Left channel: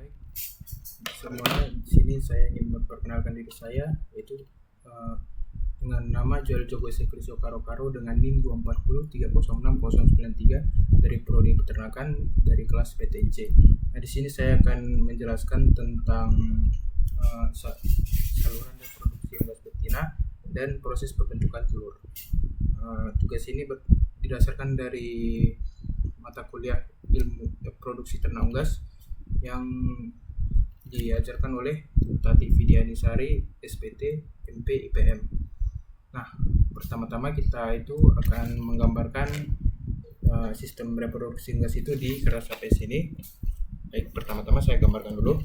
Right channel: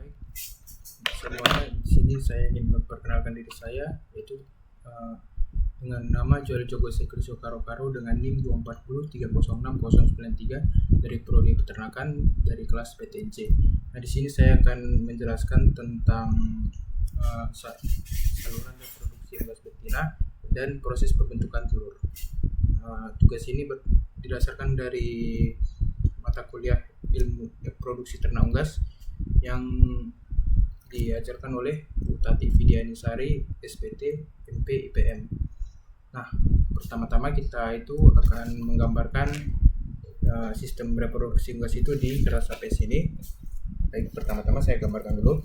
baik semuanya. Di sini saya ingin memperkenalkan diri saya, yaitu eh, dengan nama Joel Jogo Sekriso Karo dengan NIM 240306093 dari Prodi Peternakan dari kelas PTNC. Nah, di sini saya akan menjelaskan tentang saluran reproduksi unggas betina dan proses pembentukan telur. Tugas ini didasarkan dari mata kuliah ilmu produksi ternak unggas yang diajarkan oleh Bu Tati Vidianisari, SPT, MP, IPM. Nah, pertama-tama kita itu akan menggambarkan sistem reproduksi unggas itu di kertas sampai sini. Baik, pertama-tama saya gambarkan dulu.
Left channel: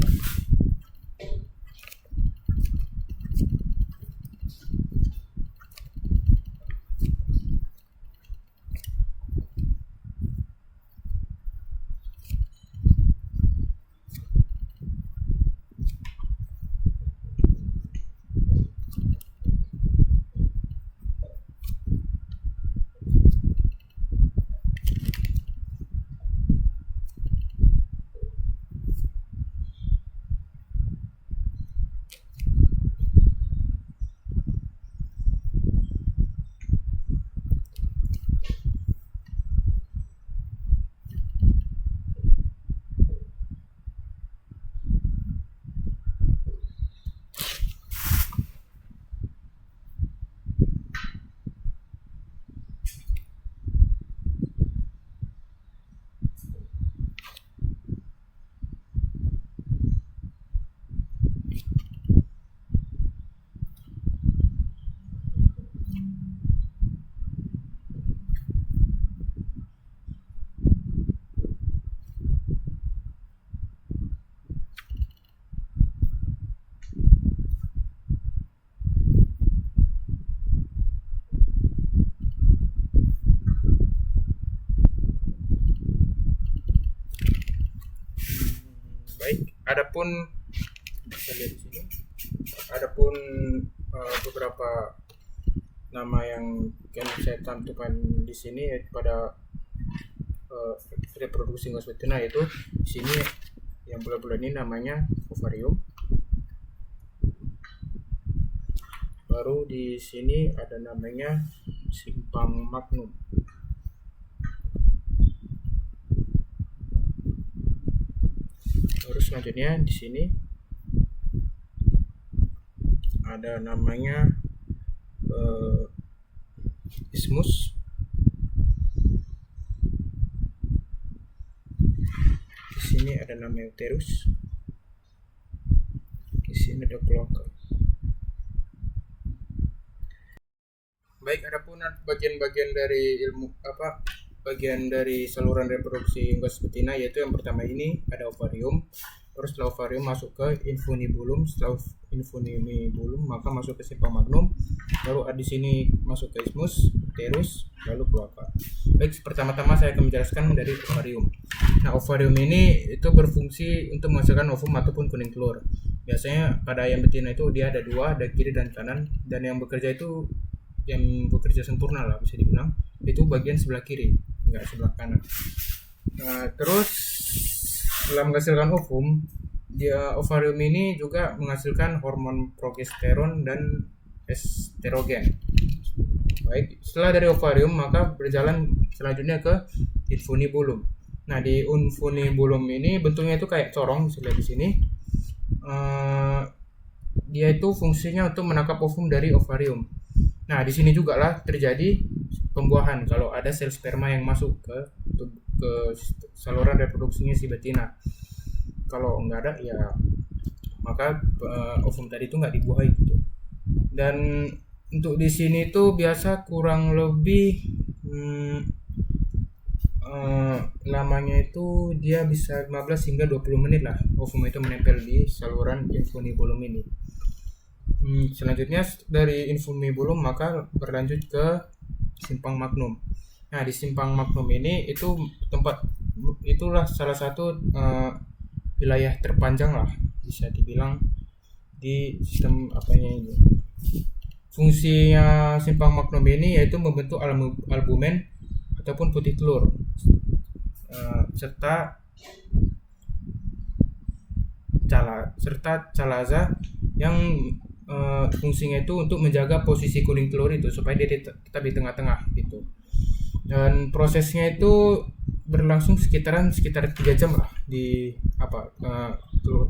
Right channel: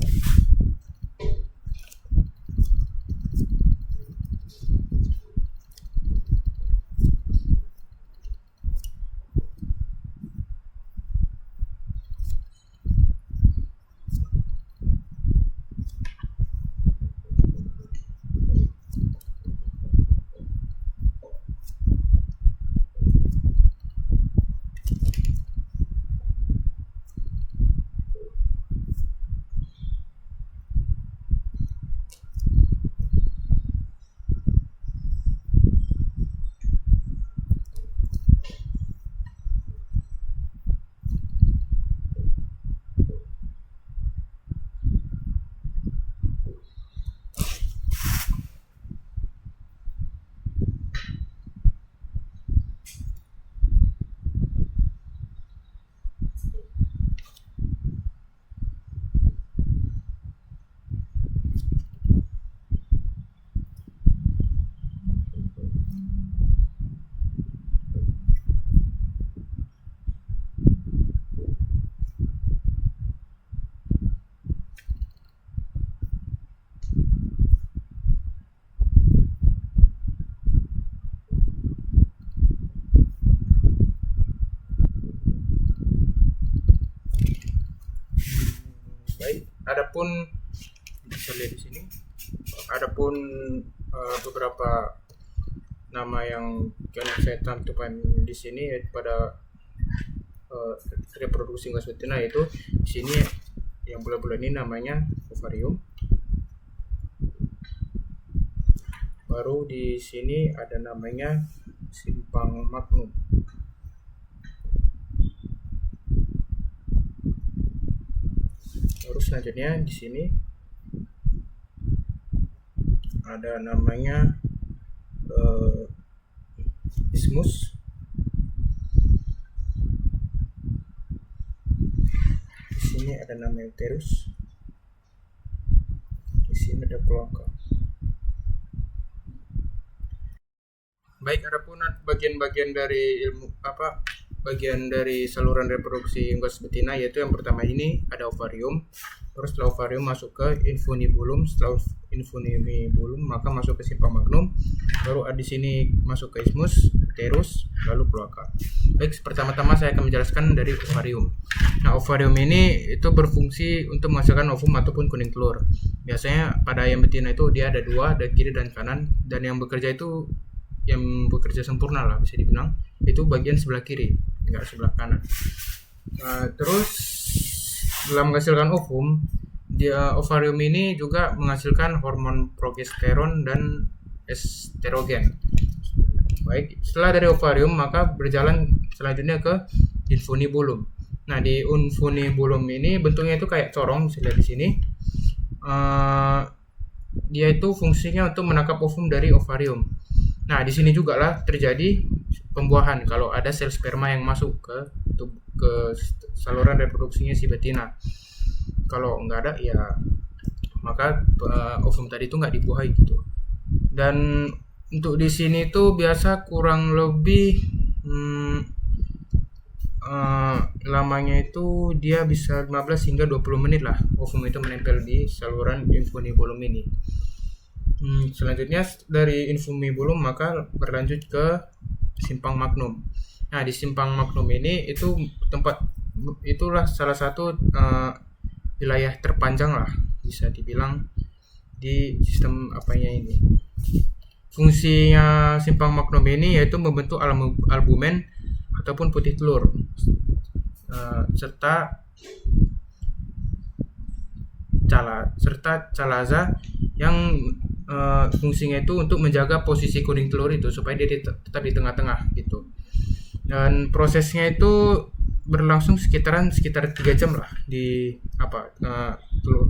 Baik, adapun bisa lihat di sini, adapun beberapa nama yang akan saya tentukan di sini pada reproduksi unggas betina, yaitu di sini yang bulat-bulat ini namanya ovarium. Baru di sini ada namanya simpang magnum. Terus selanjutnya di sini ada namanya isthmus. Di sini ada nama uterus. Di sini ada kloaka. Baik, adapun bagian-bagian dari bagian dari saluran reproduksi unggas betina, yaitu yang pertama ini ada ovarium. Terus setelah ovarium masuk ke infunibulum, setelah infunibulum maka masuk ke simpang magnum, baru di sini masuk ke isthmus, uterus, lalu kloaka. Baik, pertama-tama saya akan menjelaskan dari ovarium. Nah, ovarium ini itu berfungsi untuk menghasilkan ovum ataupun kuning telur. Biasanya pada ayam betina itu dia ada dua, ada kiri dan kanan, dan yang bekerja sempurna lah bisa dibilang itu bagian sebelah kiri, enggak sebelah kanan. Terus dalam menghasilkan ovum, ovarium ini juga menghasilkan hormon progesteron dan estrogen. Baik, setelah dari ovarium maka berjalan selanjutnya ke infunibulum. Nah, di infunibulum ini bentuknya itu kayak corong, bisa lihat di sini. Dia itu fungsinya untuk menangkap ovum dari ovarium. Nah, di sini juga lah terjadi pembuahan kalau ada sel sperma yang masuk ke saluran reproduksinya si betina. Kalau nggak ada ya maka ovum tadi itu nggak dibuahi gitu. Dan untuk di sini tuh biasa kurang lebih lamanya itu dia bisa 15 hingga 20 menit lah ovum itu menempel di saluran infunibulum ini. Selanjutnya dari infunibulum maka berlanjut ke simpang magnum. Nah, di simpang magnum ini itulah salah satu wilayah terpanjang lah bisa dibilang di sistem ini. Fungsinya simpang magnum ini yaitu membentuk albumen ataupun putih telur serta serta calaza yang fungsinya itu untuk menjaga posisi kuning telur itu supaya dia tetap di tengah-tengah gitu. Dan prosesnya itu berlangsung sekitar 3 jam lah di telur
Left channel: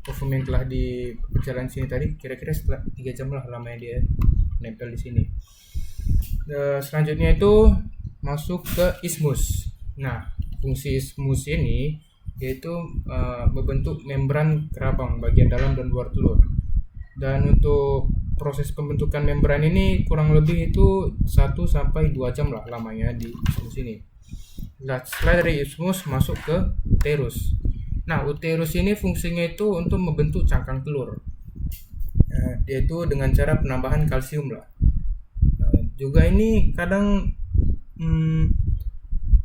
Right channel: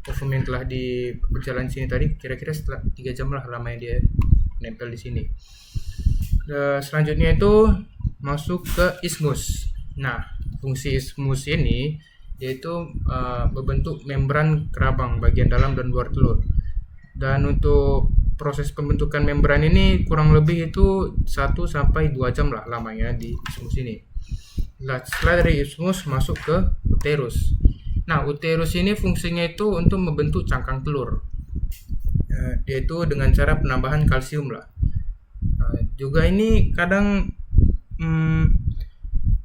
ovum yang telah di berjalan sini tadi, kira-kira setelah 3 jam lah lamanya dia nempel di sini. Selanjutnya itu masuk ke ismus. Nah, fungsi ismus ini yaitu membentuk membran kerabang bagian dalam dan luar telur. Dan untuk proses pembentukan membran ini kurang lebih itu 1 sampai 2 jam lah lamanya di ismus ini. Setelah dari ismus masuk ke uterus. Nah, uterus ini fungsinya itu untuk membentuk cangkang telur. Yaitu dengan cara penambahan kalsium lah. Juga ini kadang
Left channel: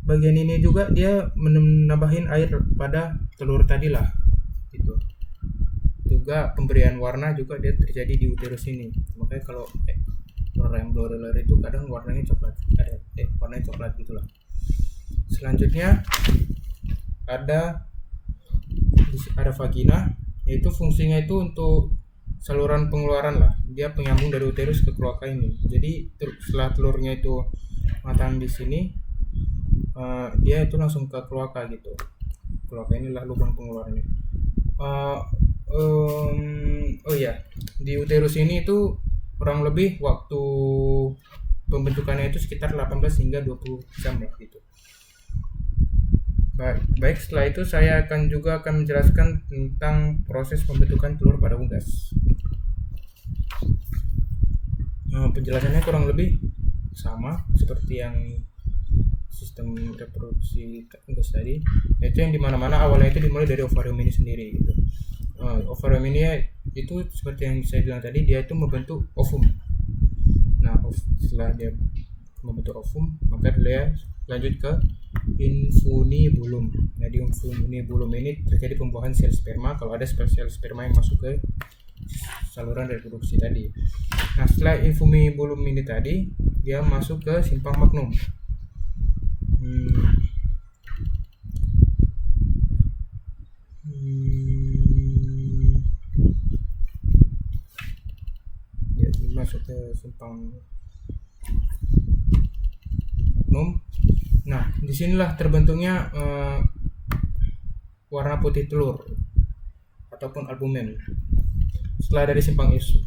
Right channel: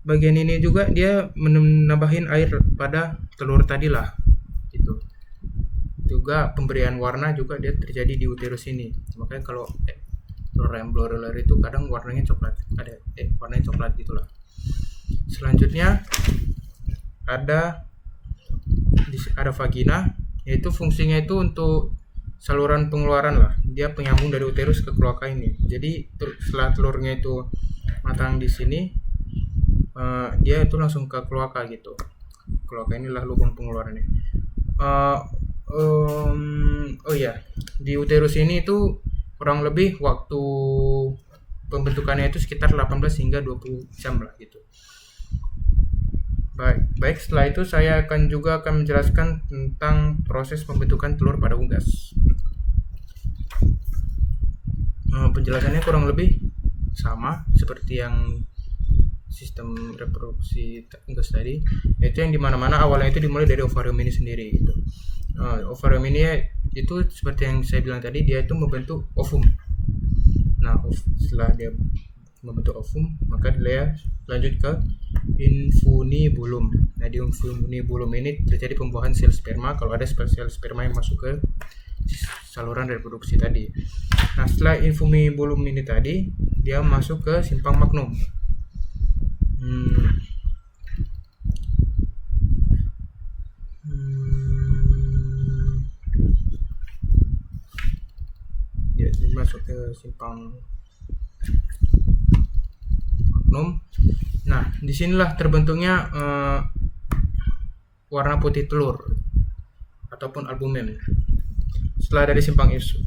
bagian ini juga dia menambahin air pada telur tadi lah gitu. Juga pemberian warna juga dia terjadi di uterus ini. Makanya kalau telur ayam broiler itu kadang warnanya coklat, warnanya coklat gitulah. Selanjutnya ada vagina, yaitu fungsinya itu untuk saluran pengeluaran lah. Dia penyambung dari uterus ke kloaka ini. Jadi setelah telurnya itu matang di sini, dia itu langsung ke kloaka gitu. Kloaka inilah lubang pengeluarannya. Di uterus ini itu kurang lebih waktu pembentukannya itu sekitar 18 hingga 20 jam lah gitu. Baik, setelah itu saya akan menjelaskan tentang proses pembentukan telur pada unggas. Penjelasannya kurang lebih sama seperti yang sistem reproduksi unggas tadi, yaitu yang dimana-mana awalnya itu dimulai dari ovarium ini sendiri gitu. Ovarium ini itu seperti yang saya bilang tadi, dia itu membentuk ovum. Nah, setelah dia membentuk ovum, maka dia lanjut ke infunibulum. Nah, di infunibulum ini terjadi pembuahan sel sperma kalau ada sel sperma yang masuk ke saluran reproduksi tadi. Nah, setelah infunibulum ini tadi, dia masuk ke simpang magnum. Dia masuk ke simpang magnum. Nah, disinilah terbentuknya warna putih telur ataupun albumen. Setelah dari simpang ismus,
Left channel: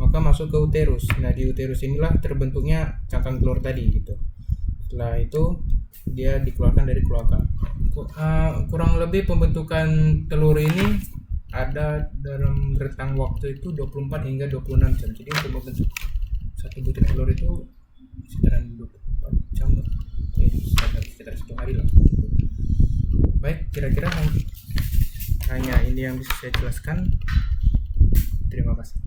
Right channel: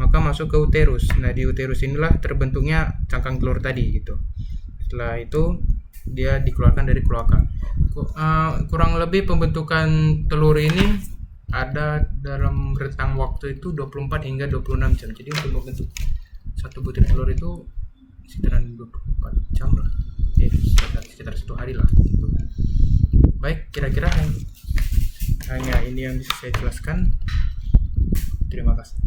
maka masuk ke uterus. Nah, di uterus inilah terbentuknya cangkang telur tadi gitu. Setelah itu dia dikeluarkan dari kloaka. Kurang lebih pembentukan telur ini ada dalam rentang waktu itu 24 hingga 26 jam. Jadi untuk membentuk satu butir telur itu sekitaran 24 jam lah. Sekitar 1 hari lah gitu. Baik, kira-kira hanya ini yang bisa saya jelaskan. Terima kasih.